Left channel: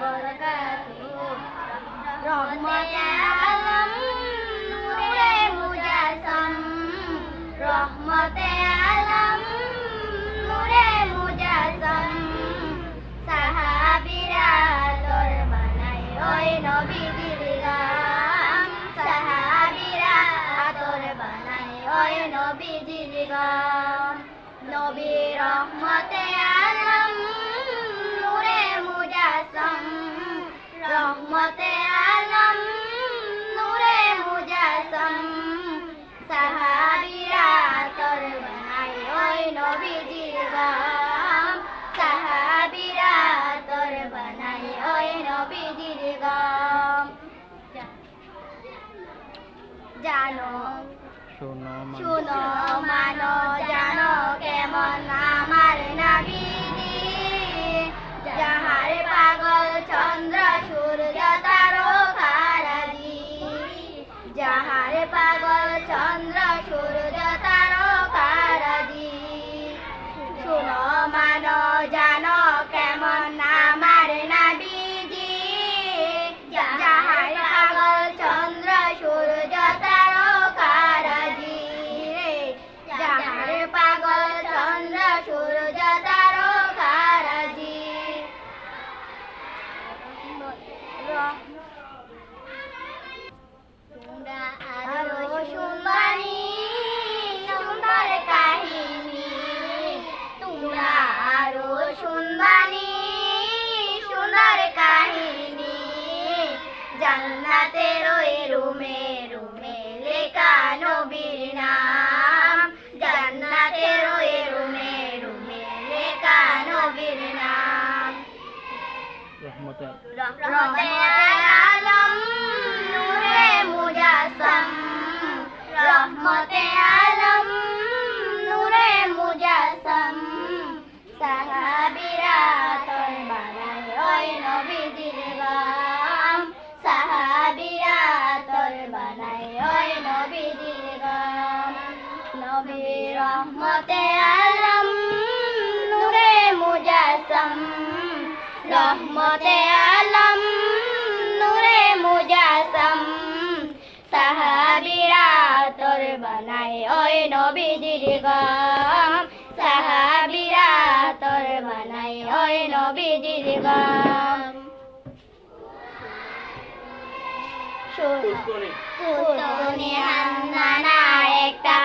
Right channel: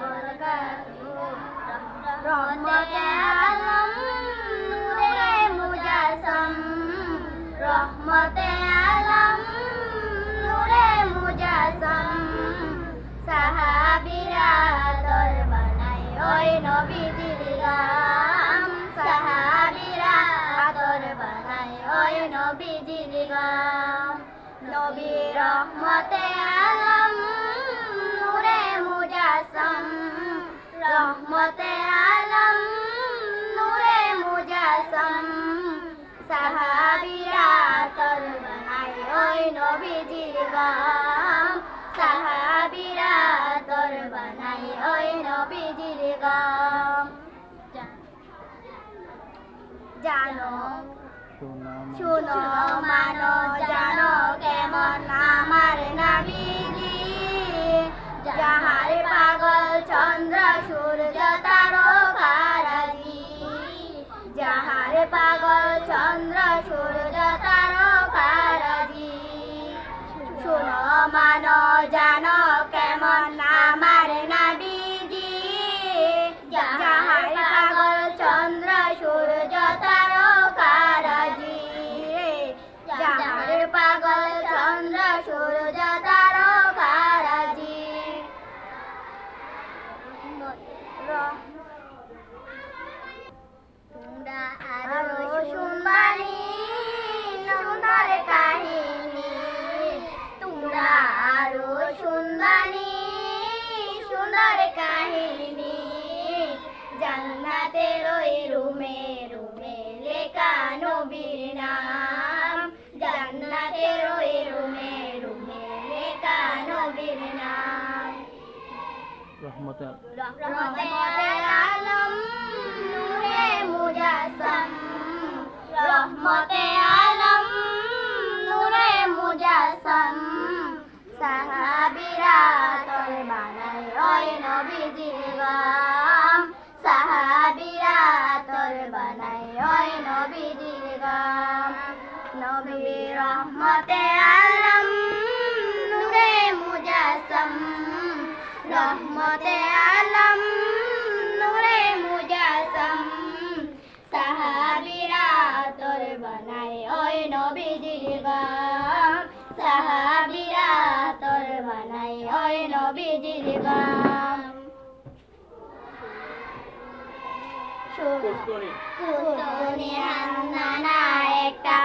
বরকাতুহু রহমতে আলম নূরে মুজাসসাম রহমতে আলম নূরে মুজাসসাম সাহাবীরা আতর বানায় ওই নবীজির গাম সাহাবীরা আতর বানায় ওই নবীজির গাম নবী রহমতে আলম নূরে মুজাসসাম রহমতে আলম নূরে মুজাসসাম সাহাবীরা আতর বানায় ওই নবীজির গাম সাহাবীরা আতর বানায় ওই নবীজির গাম জানো শুনো মানো জানো কেমন আমার নবীজি যাহার পাগল চন্দ্র সূর্য তারকারাজি যাহার পাগল চন্দ্র সূর্য তারকারাজি শুনো মানো জানো কেমন আমার নবীজি যাহার পাগল চন্দ্র সূর্য তারকারাজি যাহার পাগল চন্দ্র সূর্য তারকারাজি তোমরা আরো শুনবানি সুন্দর কাহিনী তোমরা আরো শুনবানি সুন্দর কাহিনী জান্নাতের ওই রুমে রুমে লেখা নবীর নাম জান্নাতের ওই রুমে রুমে লেখা নবীর নাম রহমতে আলম নূরে মুজাসসাম রহমতে আলম নূরে মুজাসসাম সাহাবীরা আতর বানায় ওই নবীজির গাম সাহাবীরা আতর বানায় ওই নবীজির গাম নবী রহমতে আলম নূরে মুজাসসাম রহমতে আলম নূরে মুজাসসাম সাহাবীরা আতর বানায় ওই নবীজির গাম সাহাবীরা আতর বানায় ওই নবীজির গাম কুসুনি হান্নানা একটা